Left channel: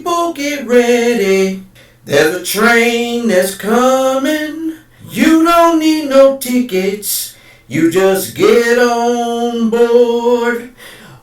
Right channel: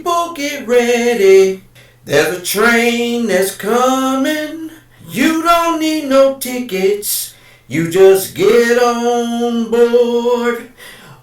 People get ready. There's a train that's coming. You don't need no tickets. You just get on board.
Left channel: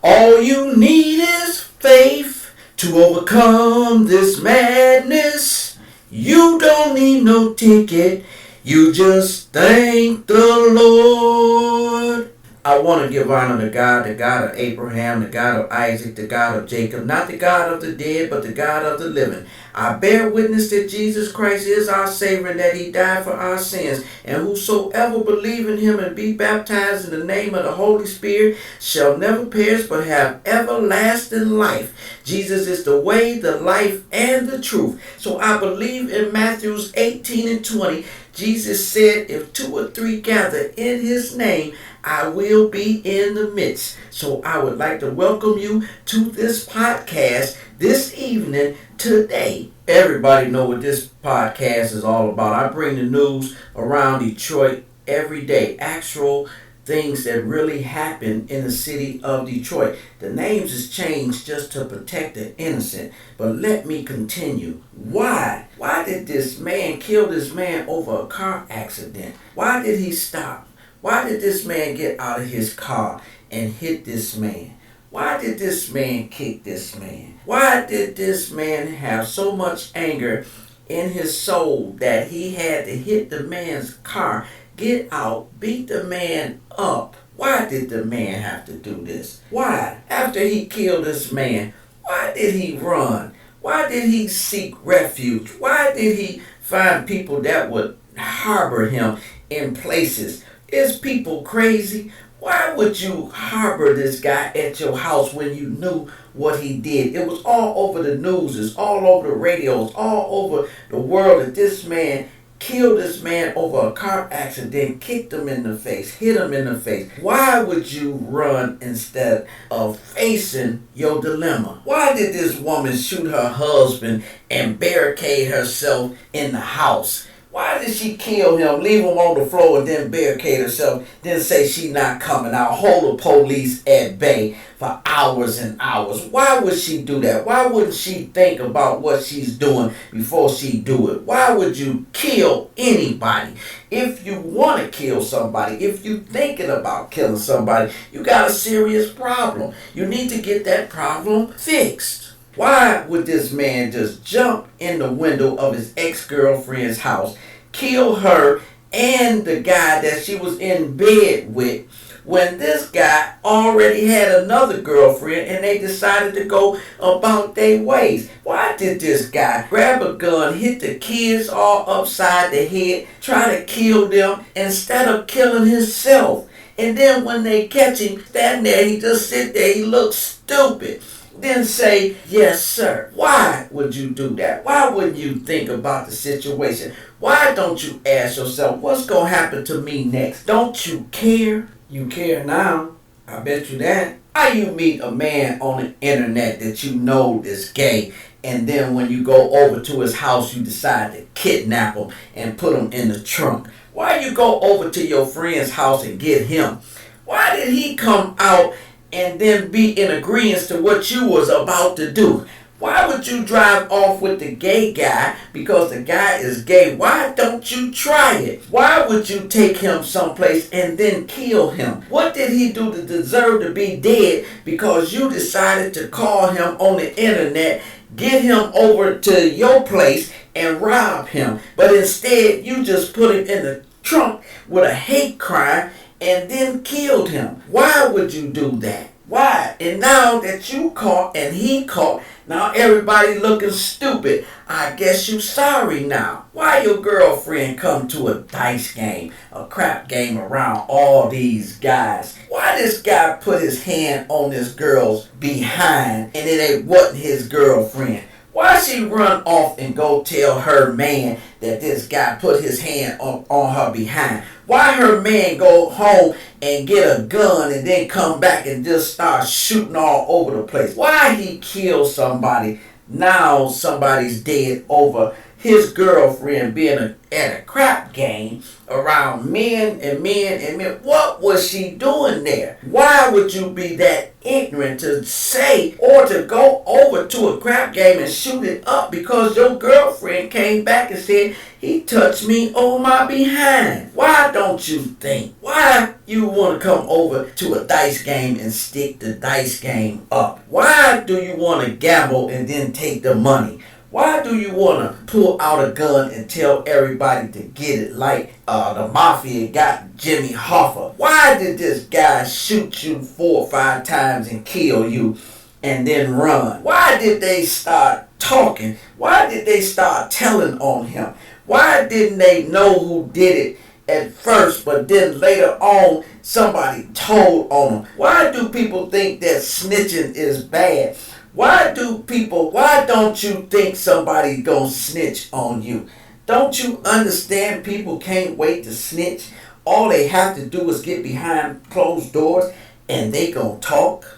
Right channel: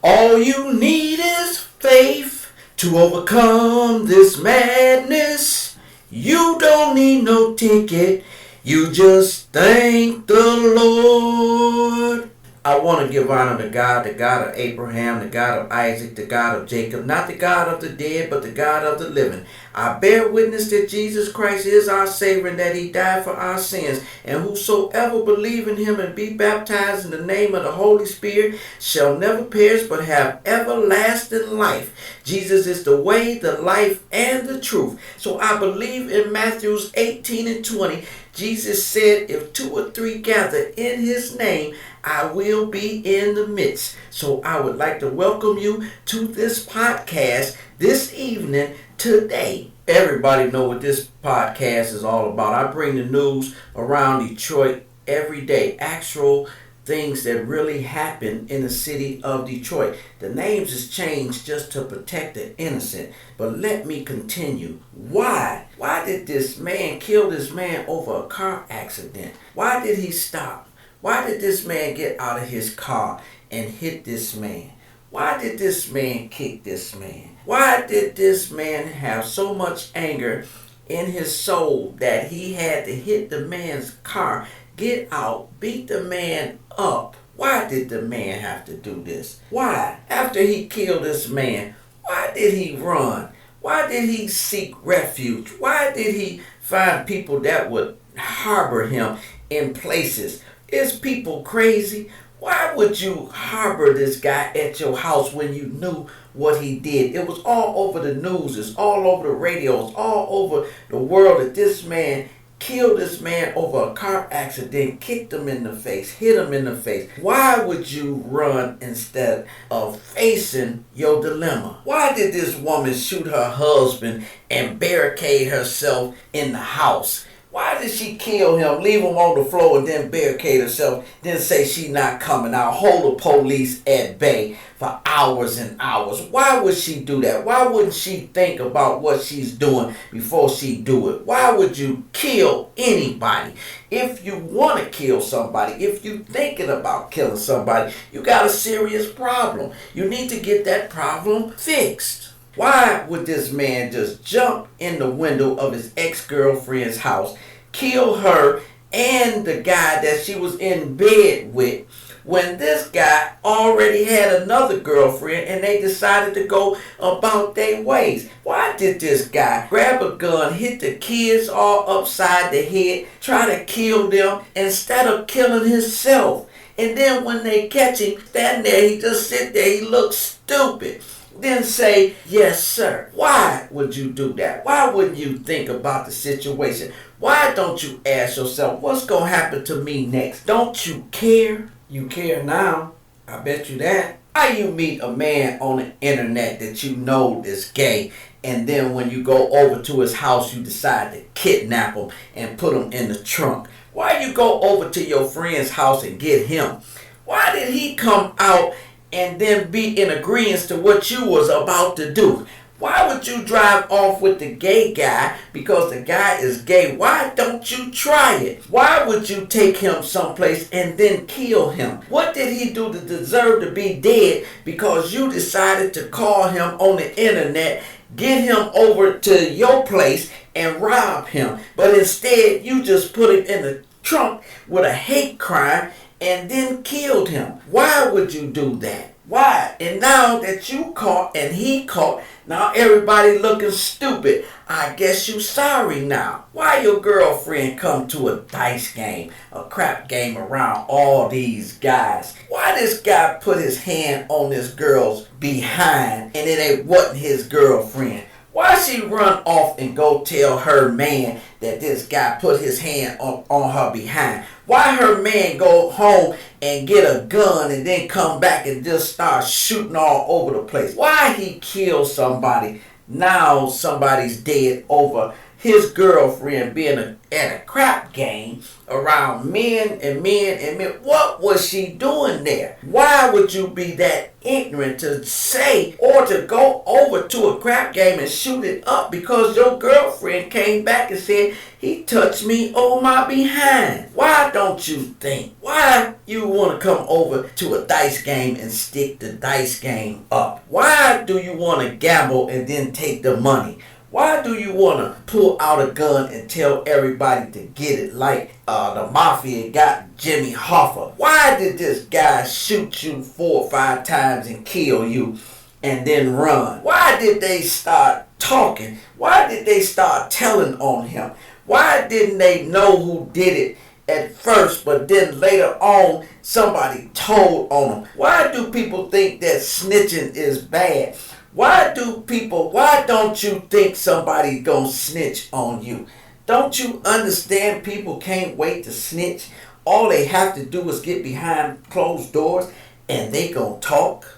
All you need is faith to overcome this madness. You don't need no ticket. You just thank the Lord. I want to give honor to God, the God of Abraham, the God of Isaac, the God of Jacob, not the God of the dead, but the God of the living. I bear witness that Jesus Christ is our Savior and that He died for our sins. And whosoever believe in Him and be baptized in the name of the Holy Spirit shall never perish but have everlasting life. Jesus is the way, the life, and the truth. So I believe in Matthew 18 and 20. Jesus said, if 2 or 3 gather in His name, I will be in the midst. So I would like to welcome you to this podcast this evening today. Everybody know what this podcast is all about. I bring the news around Detroit every day. Actual things that really happen in the city of Detroit. The names is changed just to protect the innocent. But let me continue. Why? Why did this man kill this man over a car accident? Why did he stop? Why did this man get out of his car and hit this man? Why did this man kick this man? Why did this man have so much anger in his soul that he had to hit the man's car, get out, beat the man up? Why did the man have to do this? Why? After he killed this man, why did he run? Why did he seek refuge? Why did he find people that would harbor him in places? Is people crazy? Why would you harbor this guy at your house when you knew what he did? It was all over the news, it's all over the radios, all over the world that this man killed this man over a car accident, kicked him in the face, hit him in the face. Why would you run instead of facing your dilemma? Why did this woman shoot her husband and barricade herself in the house? Why did she kill him, leave him on the floor, and then barricade herself, then say she not coming out, hold the police at bay for hours and hours? Why would she do that? Why wouldn't she think about what she's doing before she do it? Why would you kill anybody? If you want to kill somebody, if you thinking about killing somebody, you got a serious problem. You need to get that problem fixed. Why would this man just jump in the window of his ex-girlfriend's house, kill her and the guy that she was in bed with, when this guy already had another girlfriend and they decided to go about their ways? Why did this guy grab a gun, hit the kids all upside the head, try to kill them instead of killing himself? And then when they catch him standing there, he just sit there, he looks stupid. Then say, yes, sir. Why would you do that? Why wouldn't you think about the situation? Why don't you ask yourself, what's going to happen to me next? Don't you care? You care now. I bet you that. How you meet a man on the internet that you know is gay, and then when you go over to his house, you decide to kidnap him and put him in the trunk? Why you go over to your friend's house and get him? Why did he come out and then be in agreement to what you was about to do? Why would you drive off with the gay guy because the guy is gay? Why don't you try it? Why would you take him someplace and then kill him? What did he do to deserve to be dead because you decided to call him on the internet, get him over to your place and rob him? But instead you just put him in the trunk with a hate crime and then killed him. Why would you do that? Why? And now that you caught and he caught, now everybody looking stupid. I guess you sorry now. Why your girlfriend come to a dice game, a crap game around all these guys? Why this guy put his hand on this girl's behind and it wasn't his girlfriend? Why she run off and go tell her man that this guy put his hand on her behind? Why her man go home and get a gun and then come back and just start shooting all over the place? Why he kill somebody? Now somebody's dead over his girlfriend being at a crap game around men and men and men. What was she doing there? Why would you be that ignorant to say or to go over to a crap game and shoot it up because your girlfriend came back and said, he touched me on my behind? Why don't you think? Why you want to come over to a dice game and stick the dice game up? Why do you want to gamble and then take the money? Why do you want to pull out a gun and tell everybody to get it like the mafia got Jimmy Hoffa? Why did this guy shoot you 4 or 5 times and kill you and then run? Why did they start talking? Why did they start telling on him? Why didn't they know who did it at first, but then later on somebody told on them? Why do people think that snitching is bad? Why don't you think somebody gonna snitch on you? Don't you understand people can't wait to snitch? All they have to do is get behind closed doors and they gonna talk.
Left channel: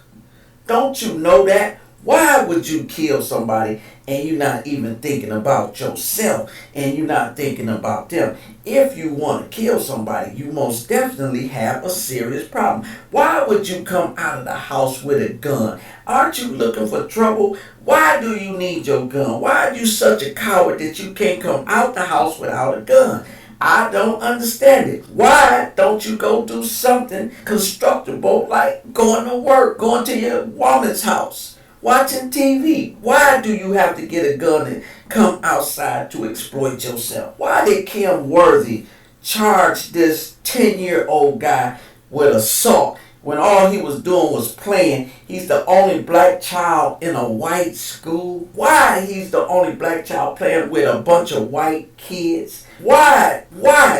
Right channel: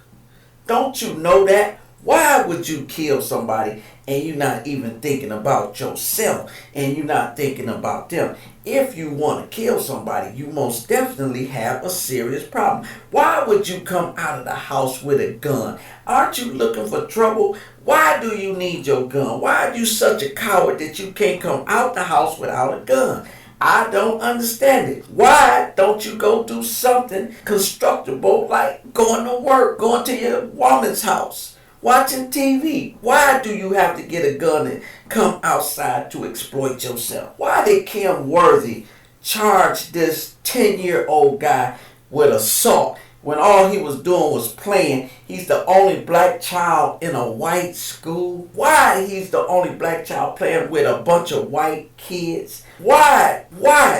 Don't you know that? Why would you kill somebody and you're not even thinking about yourself and you're not thinking about them? If you want to kill somebody, you most definitely have a serious problem. Why would you come out of the house with a gun? Aren't you looking for trouble? Why do you need your gun? Why are you such a coward that you can't come out the house without a gun? I don't understand it. Why don't you go do something constructible like going to work, going to your woman's house, watching TV? Why do you have to get a gun and come outside to exploit yourself? Why did Kim Worthy charge this 10-year-old guy with assault when all he was doing was playing? He's the only black child in a white school. Why he's the only black child playing with a bunch of white kids? Why?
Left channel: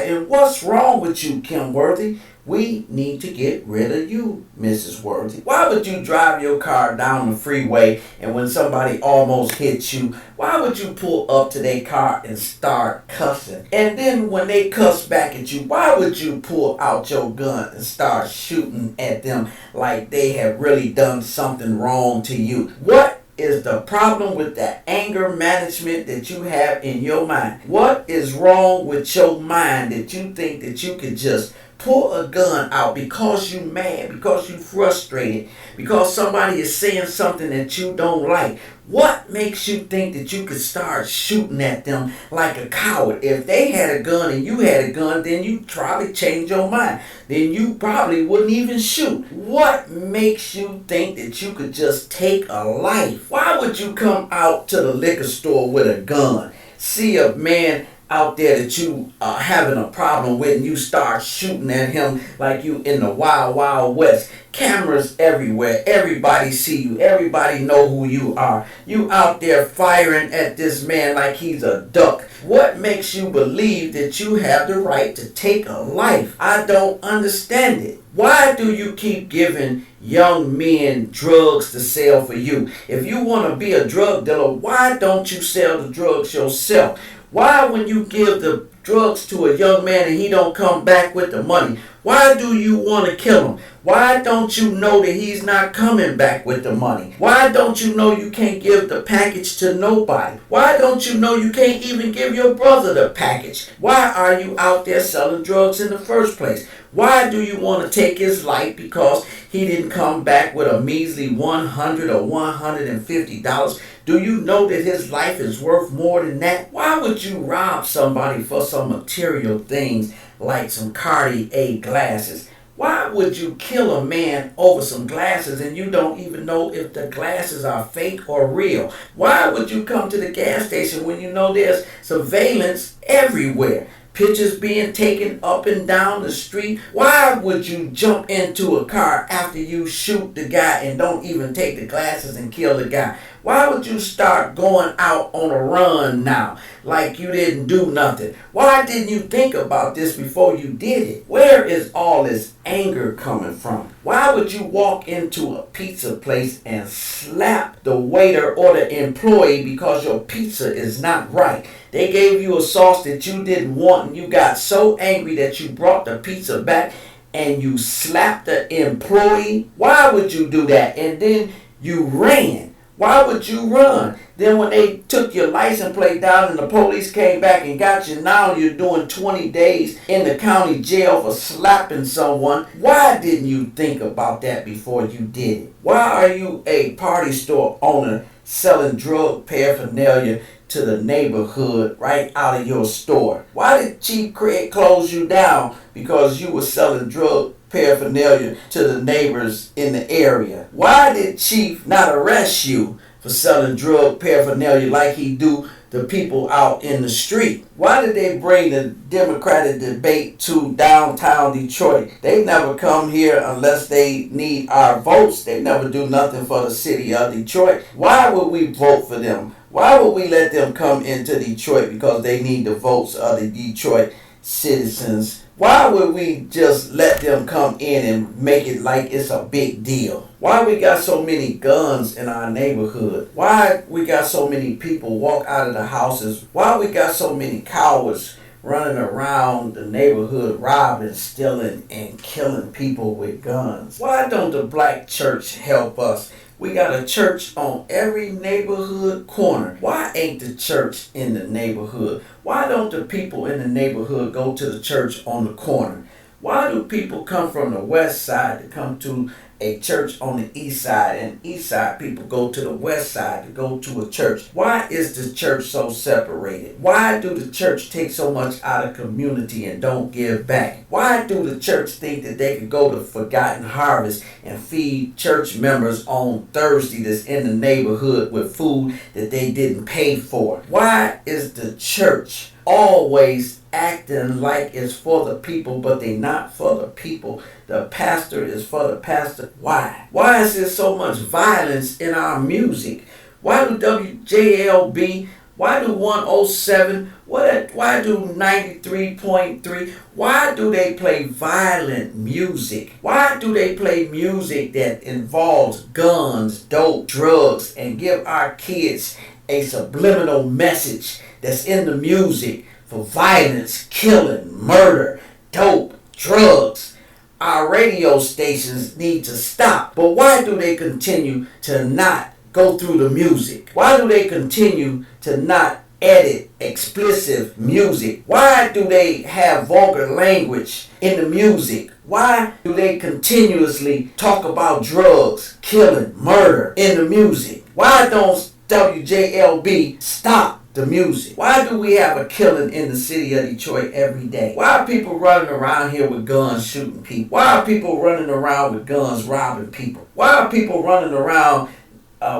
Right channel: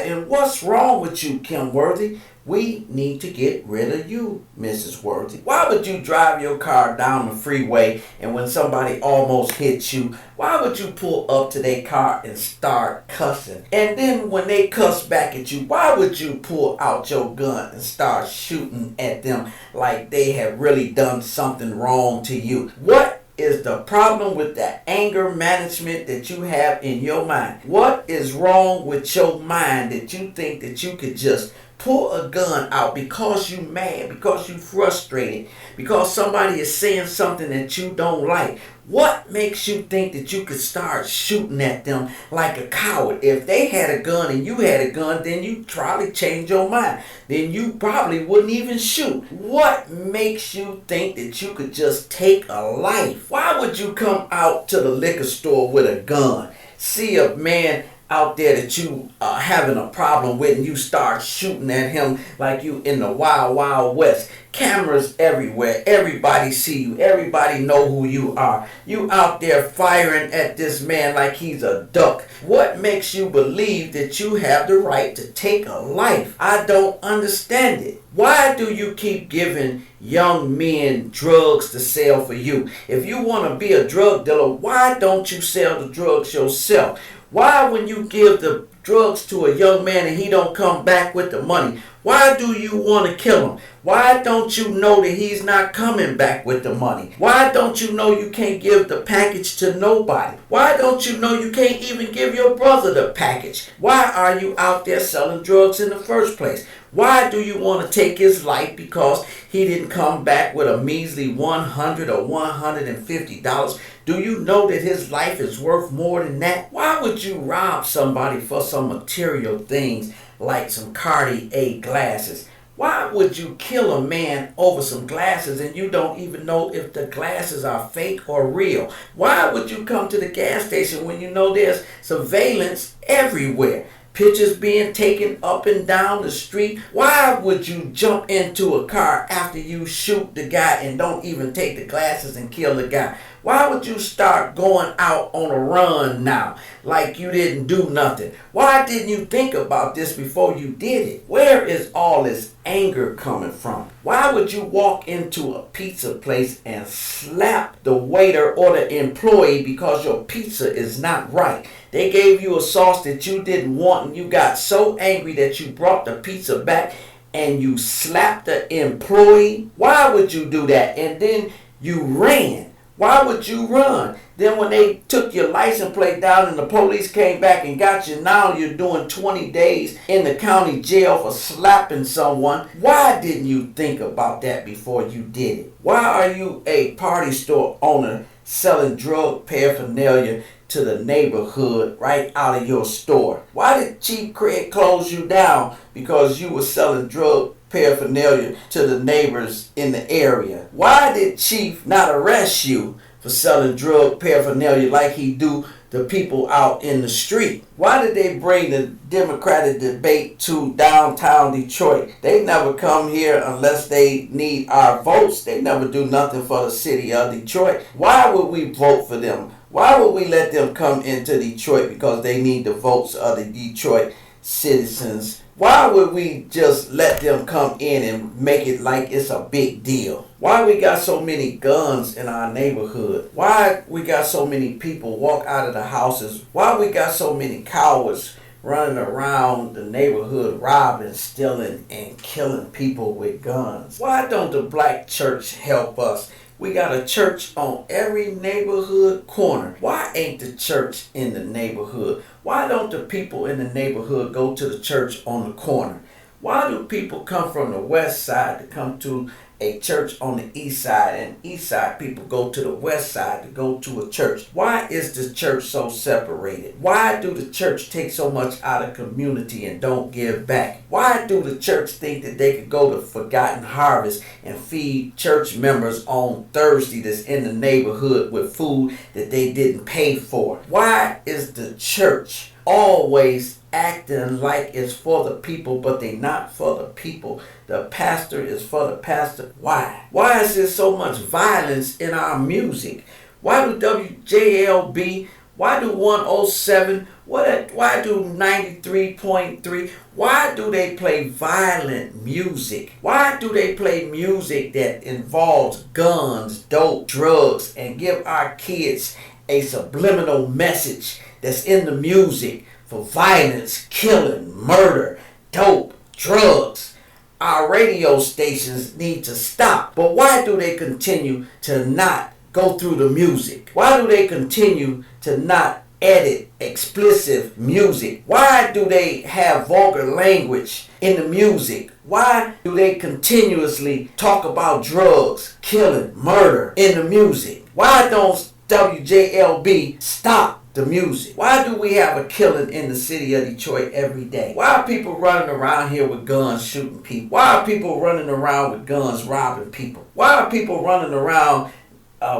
And what's wrong with you, Kim Worthy? We need to get rid of you, Mrs. Worthy. Why would you drive your car down the freeway and when somebody almost hits you, why would you pull up to their car and start cussing? And then when they cuss back at you, why would you pull out your gun and start shooting at them like they have really done something wrong to you? What is the problem with the anger management that you have in your mind? What is wrong with your mind that you think that you could just pull a gun out because you mad, because you frustrated, because somebody is saying something that you don't like? What makes you think that you could start shooting at them like a coward? If they had a gun and you had a gun, then you probably change your mind. Then you probably wouldn't even shoot. What makes you think that you could just take a life? Why would you come out to the liquor store with a gun, see a man out there that you are having a problem with and you start shooting at him like you in the wild, wild west? Cameras everywhere. Everybody see you. Everybody know who you are. You out there firing at this man like he's a duck. What makes you believe that you have the right to take a life? I don't understand it. Why do you keep giving young men drugs to sell for you? If you want to be a drug dealer, why don't you sell the drugs yourself? Why, when you give the drugs to a young man and he don't come back with the money, why do you want to kill him? Why don't you know that he's not coming back with the money? Why don't you know you can't give the package to nobody? Why don't you know you can't even give your brother the package? Why are you out there selling drugs in the first place? Why do you want to take his life because he didn't come back with a measly $100 or $150? Do you know that his life is worth more than that? Why would you rob somebody for some material things like some Cartier glasses? Why would you kill a man over some glasses and you don't even know if the glasses are fake or real? Why would you come to the gas station when you know there's surveillance everywhere? Pictures being taken up and down the street. Why would you jump into a car after you shoot the guy and don't even take the glasses and kill the guy? Why would you start going out on a run now like you didn't do nothing? Why didn't you think about this before you did it? Where is all this anger coming from? Why would you walk into a pizza place and slap the waiter or the employee because your pizza is not right? They gave you a sauce that you didn't want and you got so angry that you brought the pizza back and you slapped the employee. Why would you do that? And then you ran. Why would you run? Then when they took your license plate down and the police came back and got you, now you're doing 20 days in the county jail for slapping someone. Why didn't you think about that before you did it? Why are you a party store owner selling drug paraphernalia to the neighborhood right out of your store? Why did Chief Craig close you down? Because you were selling drug paraphernalia to the neighbors in the area. Why did Chief not arrest you for selling drug paraphernalia like he do the people out in the street? Why did they bring the Democratic debate to downtown Detroit? They never come here unless they need our votes. They never do nothing for the city of Detroit. Why would we vote for them? Why would we let them come into Detroit? Because they need the votes of the Detroit citizens. Why would we just let them come in and make it like it's a big deal? Why we got so many guns in our neighborhood? Why we got so many people walk out of the houses? Why we got so many cowards running around the neighborhood robbing, stealing, and killing people with guns? Why don't the black church help us? We got a church on every neighborhood corner. Why ain't the church in the neighborhood? Why don't the people in the neighborhood go to the church on the corner? Why do people come from the west side to come to a church on the east side, and east side people go to the west side to go to a church? Why is the church so separated? Why do the church take so much out of community and don't give back? Why do the church think that they could go to Forgotten Harvest and feed church members on Thursday that's in the neighborhood with food that they didn't pay for? Why is the church always acting like it's for the people, but they not for the people? The pastor is for the pastor. Why? Why is there so much violence in our music? Why do WJLB, why do 107, why do 93.3, why do they play violent music? Why do they play music that involves guns, dope, drugs, and give our kids a subliminal message that's in the music for violence, killing, murder, dope, drugs? Our radio stations need to stop. But why do they continue to not go through the music? Why do they continue to not edit explicit music? Why do they have vulgar language in the music? Why do they continuously talk about drugs, killing, murder in the music? Why don't WJLB stop the music? Why do we have a killing in the city of Detroit every day? Why are people running around here with guns shooting people? Why are people running around with guns robbing people? Why are people running around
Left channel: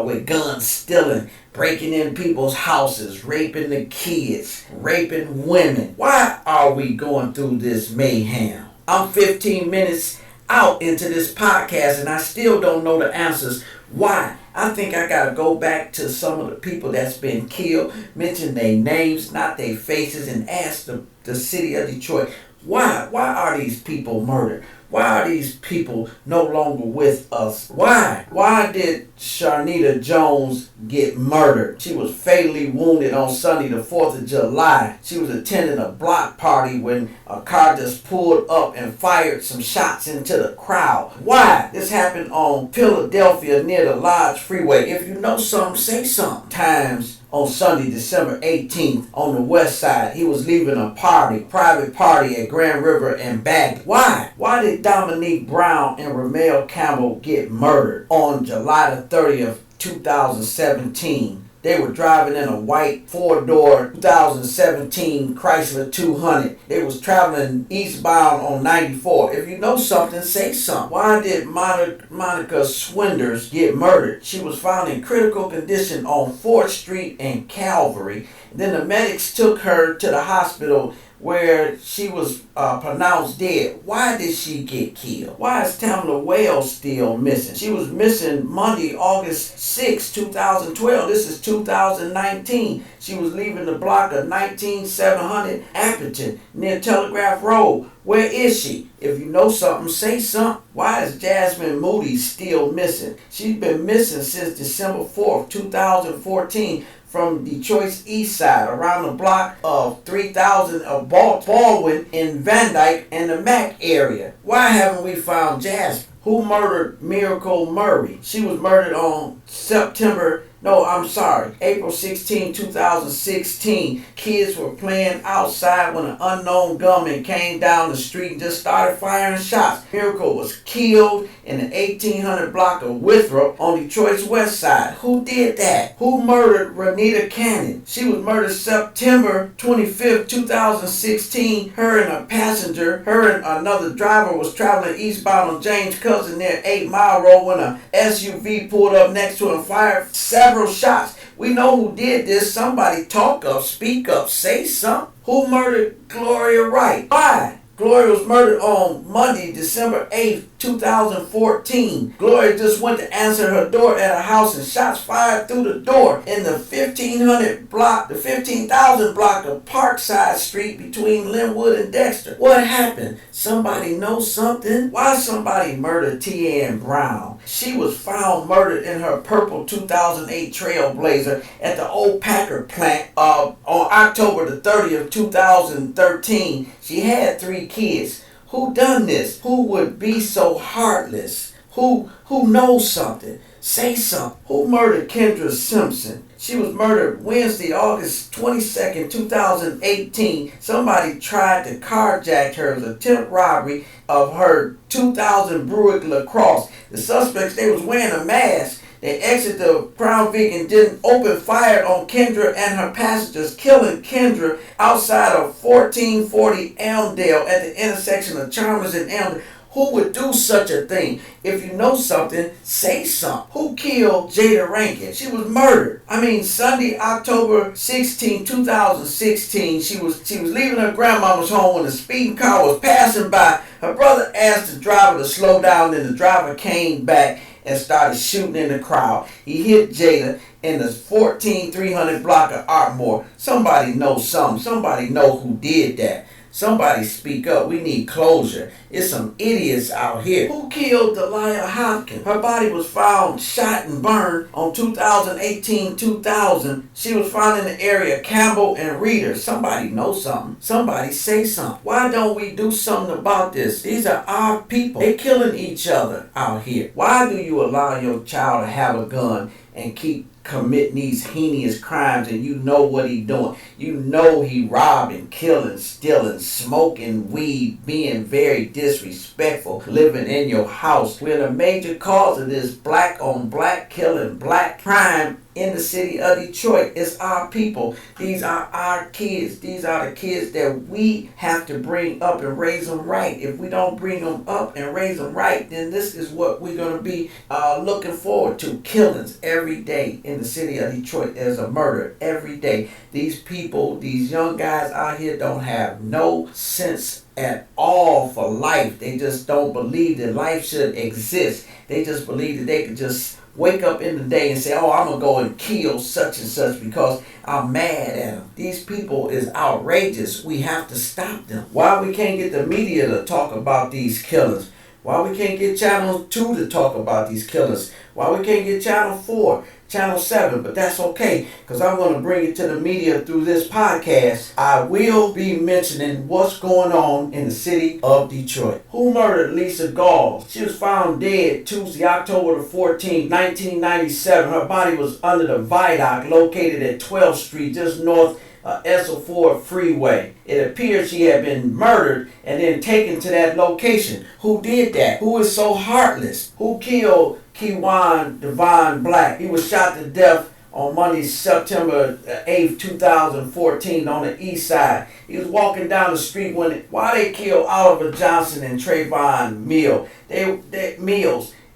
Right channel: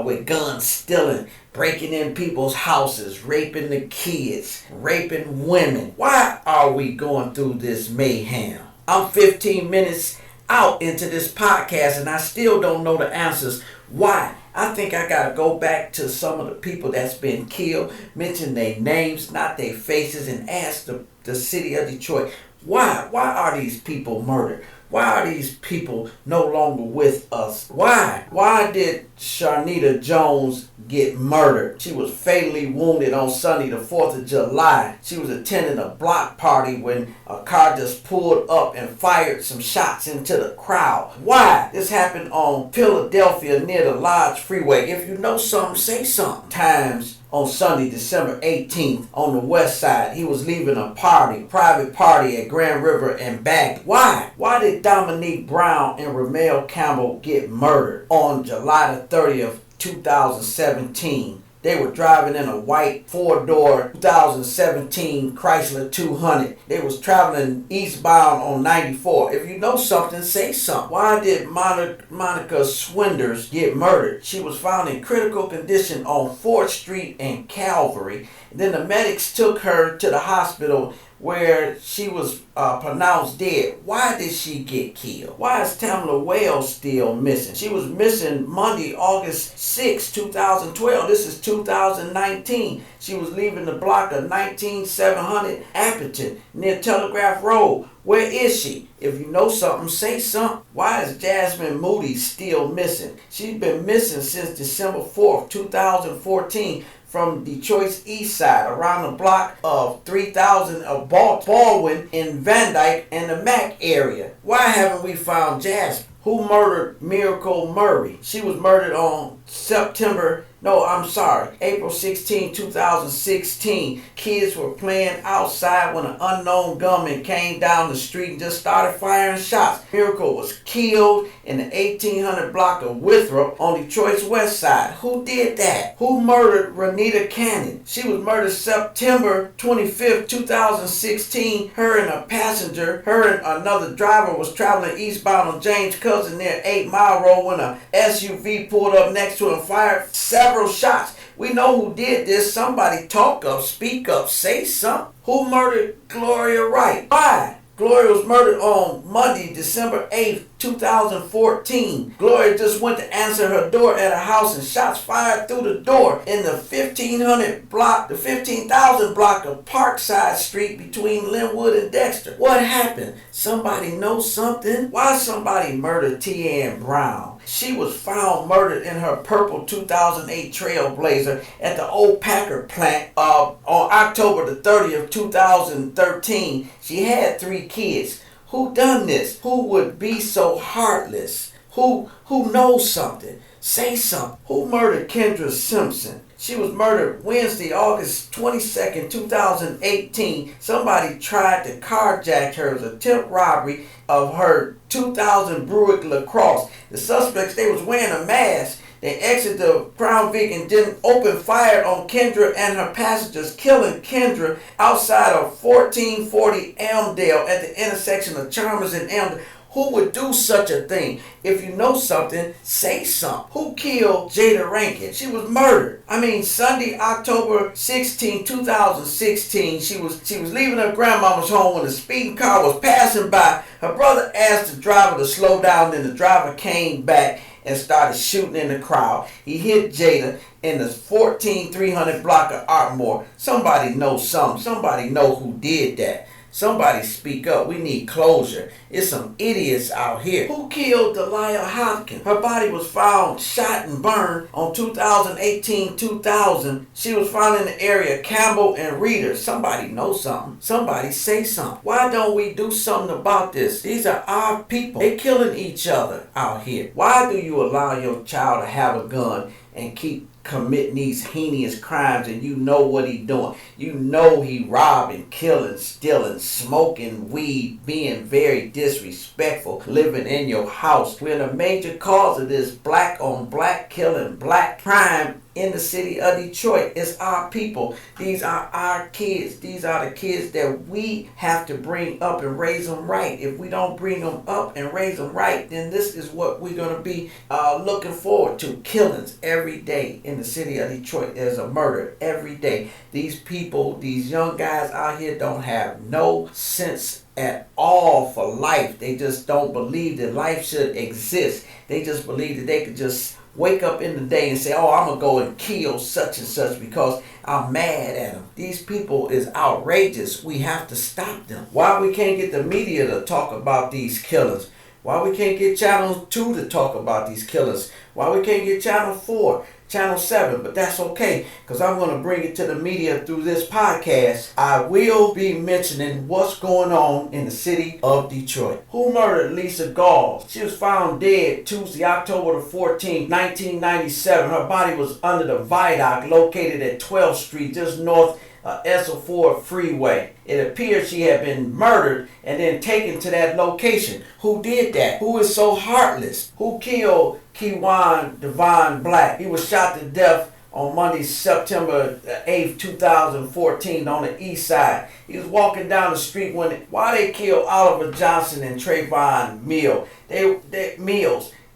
with guns stealing, breaking in people's houses, raping the kids, raping women? Why are we going through this mayhem? I'm 15 minutes out into this podcast and I still don't know the answers. Why? I think I gotta go back to some of the people that's been killed, mention their names, not their faces, and ask the city of Detroit, why are these people murdered? Why are these people no longer with us? Why did Sharnita Jones get murdered? She was fatally wounded on Sunday, the 4th of July. She was attending a block party when a car just pulled up and fired some shots into the crowd. Why? This happened on Philadelphia near the Lodge Freeway. If you know something, say something. Times on Sunday, December 18th, on the west side, he was leaving a private party at Grand River and Bagley. Why? Why did Dominique Brown and Ramel Campbell get murdered on July the 30th, 2017? They were driving in a white 4-door 2017 Chrysler 200. They was traveling eastbound on 94. If you know something, say something. Why did Monica Swinders get murdered? She was found in critical condition on 4th Street and Calvary. Then the medics took her to the hospital where she was pronounced dead. Why did she get killed? Why is Tamla Wells still missing? She was missing Monday, August 6, 2012. This is 2019. She was leaving the block of 19700 Appleton near Telegraph Road. Where is she? If you know something, say something. Why is Jasmine Moody still missing? She's been missing since December 4th, 2014. From Detroit's east side, around the block of 3000 of Baldwin in Van Dyke and the Mac area. Why haven't we found Jasmine? Who murdered Miracle Murray? She was murdered on September No, I'm sorry. April 16, 2016. Kids were playing outside when an unknown gunman came down the street and just started firing shots. Miracle was killed in the 1800 block of Winthrop on Detroit's west side. Who did that? Who murdered Renita Cannon? She was murdered September 25th, 2016. Her and a passenger, her and another driver was traveling eastbound on James Cousin near 8 Mile Road when a SUV pulled up next to him and fired several shots. We know who did this. Somebody talk up, speak up, say something. Who murdered Gloria Wright? Why? Gloria was murdered on Monday, December 8th, 2014. Gloria just went to answer her door at a house and shots fired through the door in the 1500 block, the 15,000 block of Parkside Street between Linwood and Dexter. What happened? Somebody know something? Why somebody murdered T.Ann Brown? She was found murdered in her purple 2008 Trailblazer at the old Packer plant on October the 30th, 2013. She had 3 kids. Who done this? Who would be so heartless? Who knows something? Say something. Who murdered Kendra Simpson? She was murdered Wednesday, August 22nd, 2018. Somebody tried to carjack her. It was an attempt robbery of her 2000 Buick LaCrosse. The suspects, they was wearing a mask. They exited the Crown Vic and didn't open fire on Kendra and her passengers, killing Kendra outside of 1440 Elmdale at the intersection of Chalmers and Elmdale. Who would do such a thing? If you know something, say something. Who killed Jada Rankin? She was murdered. Sunday, October 16, 2016, she was leaving her grandmama's home when a speeding car was passing by. Her brother asked the driver to slow down, then the driver came back and started shooting in the crowd. He hit Jada in the 14300 block of Artmore. Somebody knows something. Somebody know who did that. Somebody speak up. We need closure. It's some idiots out here. Who killed Delia Hopkins? Her body was found shot and burned on 2018-2000. She was found in the area Campbell and Reader. Somebody know something. Somebody say something. Why don't we do something about this? These are our people. They killing each other out here. Why do you allow your child to have a gun and keep committing these heinous crimes, and you know what he doing? You know he robbing, killing, stealing, smoking weed, being very disrespectful, living in your house. We're the major cause of this black on black killing, black crime in the city of Detroit. It's our people. These are our kids. These are the kids that we have to bring up and raise them right. If we don't bring them up and raise them right, then this is what we're going to be looking forward to. Killings every day in the city of Detroit. There's a murder every day. These people, these young guys out here don't have no sense at all for life. They just don't believe that life should exist. They just believe that they could just wake up in the day and say, oh, I'm going to go and kill such and such because I'm mad at them. These people is outrageous. We have to stop them. Why we can't get the media to talk about these killings? Why we can't get Channel 2 to talk about these killings? Why we can't get Channel 4, Channel 7? But that's okay, because I'm going to bring it to the media through this podcast. I will be mentioning what's going on in the city of Detroit. Who murdered Lisa Gall? She was found dead Tuesday, October the 14th, 1997. Her body was under the viaduct located at 12th Street, just north Ethel Ford Freeway. It appears she had been murdered and then taken to that location. Who did that? Who is so heartless? Who killed Kewan Devon Black? He was shot to death on Monday, September 8th, 2014 on the east side. He was walking down the street while they killed Oliver Johnson and Trayvon Mills.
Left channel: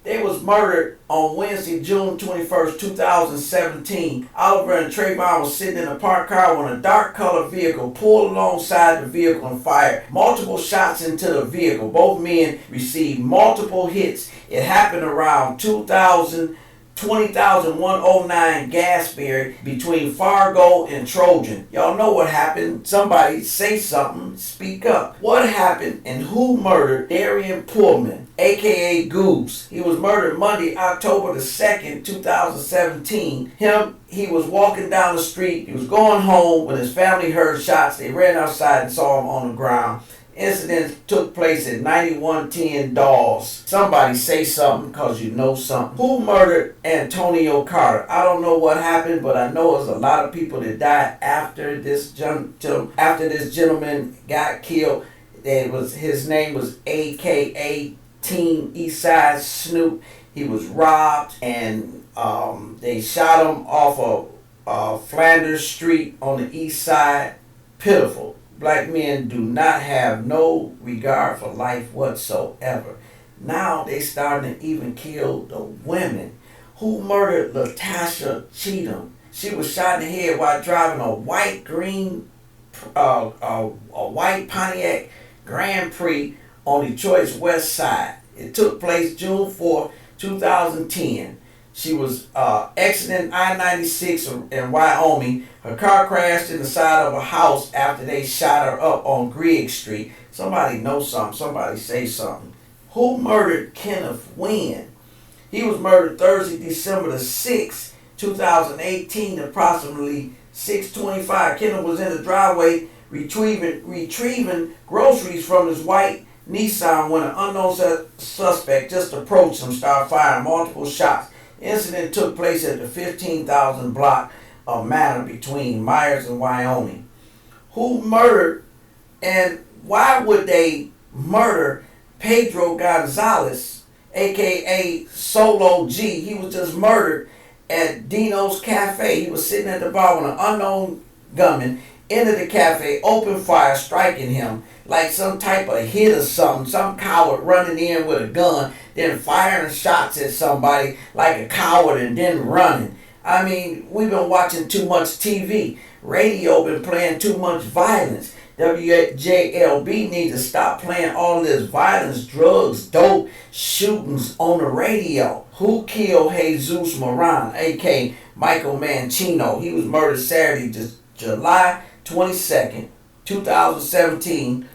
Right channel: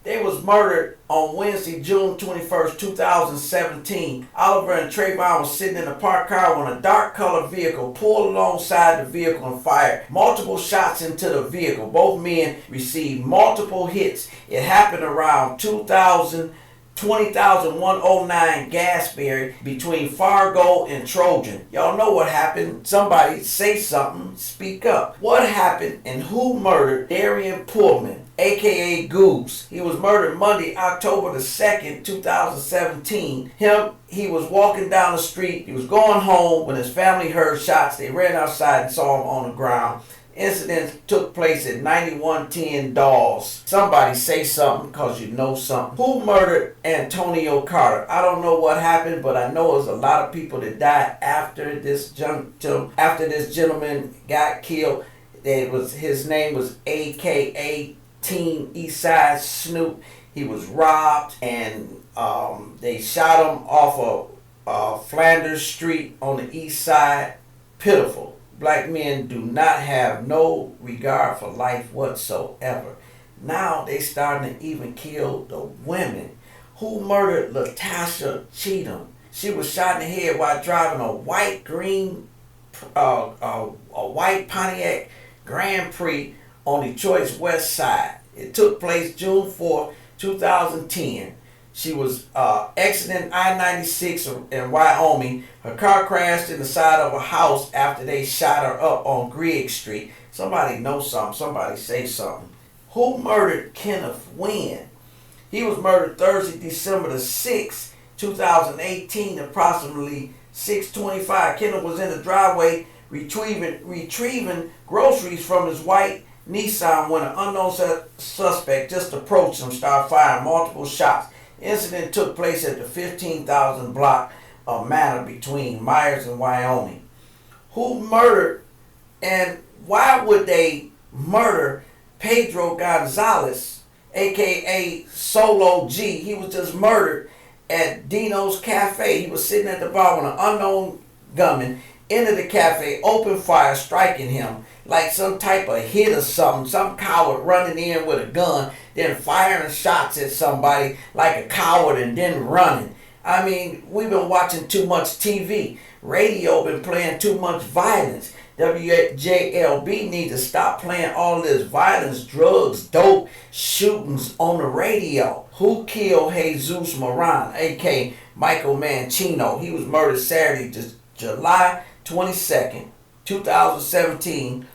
They was murdered on Wednesday, June 21st, 2017. Oliver and Trayvon was sitting in a parked car when a dark-colored vehicle pulled alongside the vehicle and fired multiple shots into the vehicle. Both men received multiple hits. It happened around 20,109 Gasberry between Fargo and Trojan. Y'all know what happened. Somebody say something. Speak up. What happened and who murdered Darian Pullman, a.k.a. Goose? He was murdered Monday, October the 2nd, 2017. He was walking down the street. He was going home when his family heard shots. They ran outside and saw him on the ground. Incident took place at 9110 Dawes. Somebody say something because you know something. Who murdered Antonio Carter? I don't know what happened, but I know there's a lot of people that died after this gentleman got killed. His name was AKA Team Eastside Snoop. He was robbed and they shot him off of Flanders Street on the east side. Pitiful. Black men do not have no regard for life whatsoever. Now they starting to even kill the women. Who murdered Latasha Cheatham? She was shot in the head while driving a white Pontiac Grand Prix on Detroit's west side. It took place June 4th, 2010. She was exiting I-96 in Wyoming. Her car crashed in the side of a house after they shot her up on Grigg Street. Somebody know something. Somebody say something. Who murdered Kenneth Wynn? He was murdered Thursday, December the 6th, 2018, approximately 6:25. Kenneth was in the driveway retrieving groceries from his white Nissan when an unknown suspect just approached him, started firing multiple shots. The incident took place at the 15,000 block of Manor between Myers and Wyoming. Who murdered and why would they murder Pedro Gonzalez, aka Solo G? He was just murdered at Dino's Cafe. He was sitting at the bar when an unknown gunman entered the cafe, opened fire, striking him like some type of hit or something. Some coward running in with a gun, then firing shots at somebody like a coward and then running. I mean, we've been watching too much TV. Radio been playing too much violence. WJLB needs to stop playing all this violence, drugs, dope, shootings on the radio. Who killed Jesus Moran, aka Michael Mancino? He was murdered Saturday, July 22nd, 2017,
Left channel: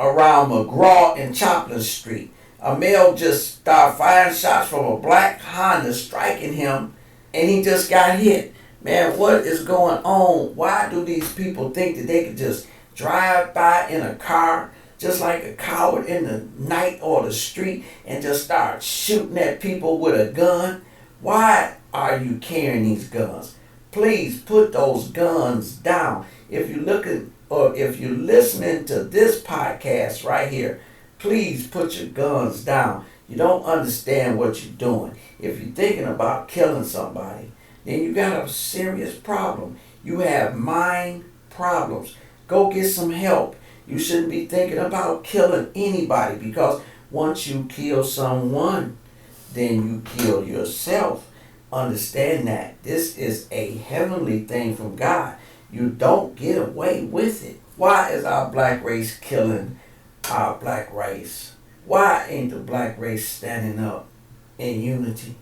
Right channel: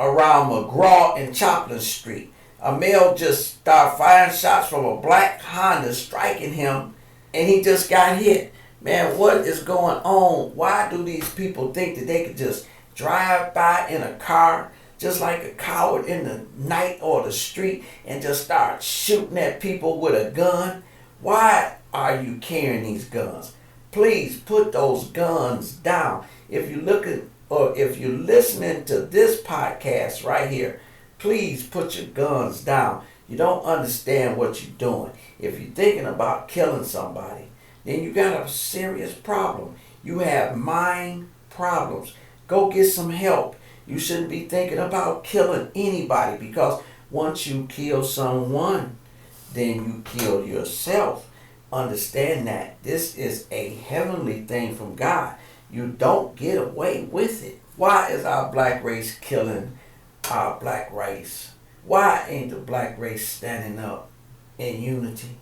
around McGraw and Choplin Street. A male just started firing shots from a black Honda, striking him, and he just got hit. Man, what is going on? Why do these people think that they could just drive by in a car just like a coward in the night or the street and just start shooting at people with a gun? Why are you carrying these guns? Please put those guns down. If you're looking or if you're listening to this podcast right here, please put your guns down. You don't understand what you're doing. If you're thinking about killing somebody, then you got a serious problem. You have mind problems. Go get some help. You shouldn't be thinking about killing anybody, because once you kill someone, then you kill yourself. Understand that. This is a heavenly thing from God. You don't get away with it. Why is our black race killing our black race? Why ain't the black race standing up in unity?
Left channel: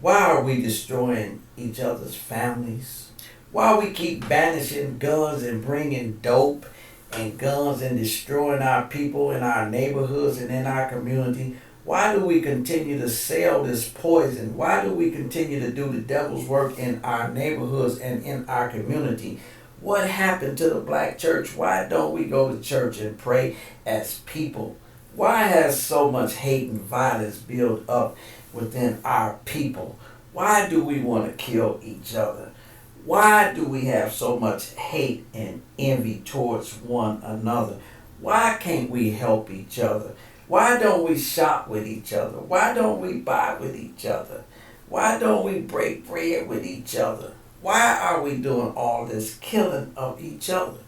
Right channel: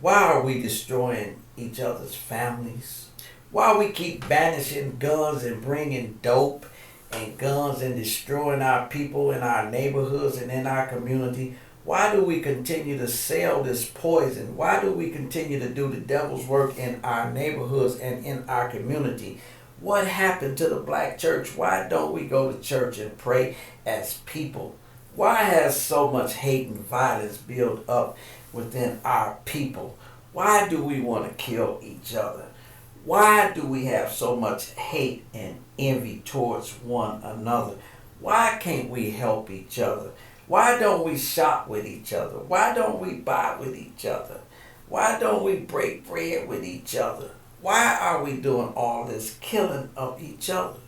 Why are we destroying each other's families? Why we keep banishing guns and bringing dope and guns and destroying our people in our neighborhoods and in our community? Why do we continue to sell this poison? Why do we continue to do the devil's work in our neighborhoods and in our community? What happened to the black church? Why don't we go to church and pray as people? Why has so much hate and violence built up within our people? Why do we want to kill each other? Why do we have so much hate and envy towards one another? Why can't we help each other? Why don't we shop with each other? Why don't we buy with each other? Why don't we break bread with each other? Why are we doing all this killing of each other?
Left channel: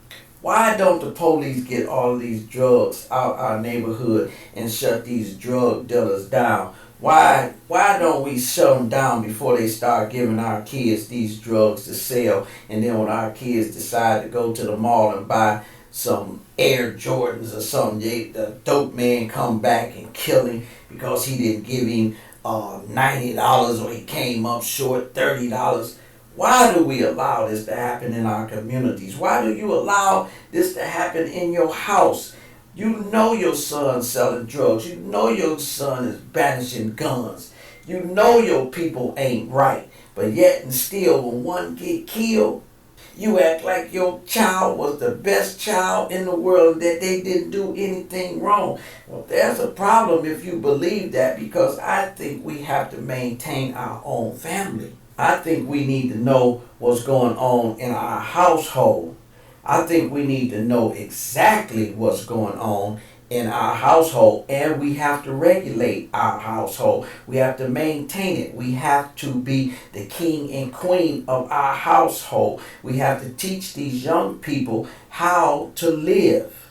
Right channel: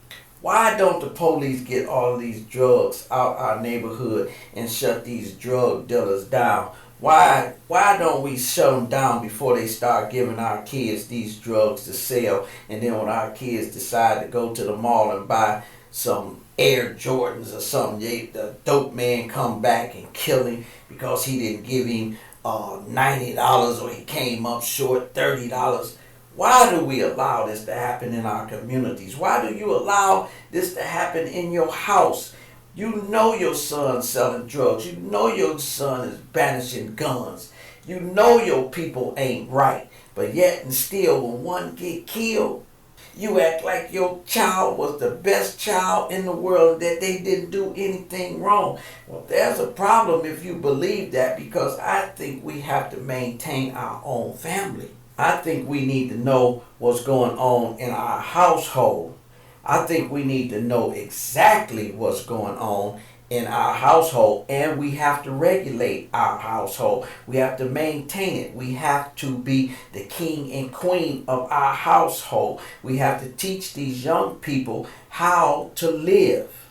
Why don't the police get all of these drugs out our neighborhood and shut these drug dealers down? Why don't we shut them down before they start giving our kids these drugs to sell? And then when our kids decide to go to the mall and buy some Air Jordans or something, the dope man come back and kill him because he didn't give him $90 or he came up short $30. Why do we allow this to happen in our communities? Why do you allow this to happen in your house? You know your son's selling drugs. You know your son is banishing guns. You know your people ain't right. But yet and still, when one get killed, You act like your child was the best child in the world, that they didn't do anything wrong. Well, there's a problem if you believe that, because I think we have to maintain our own family. I think we need to know what's going on in our household. I think we need to know exactly what's going on in our household, and we have to regulate our household. We have to maintain it. We have to be the king and queen of our household. We have to teach these young people how to live.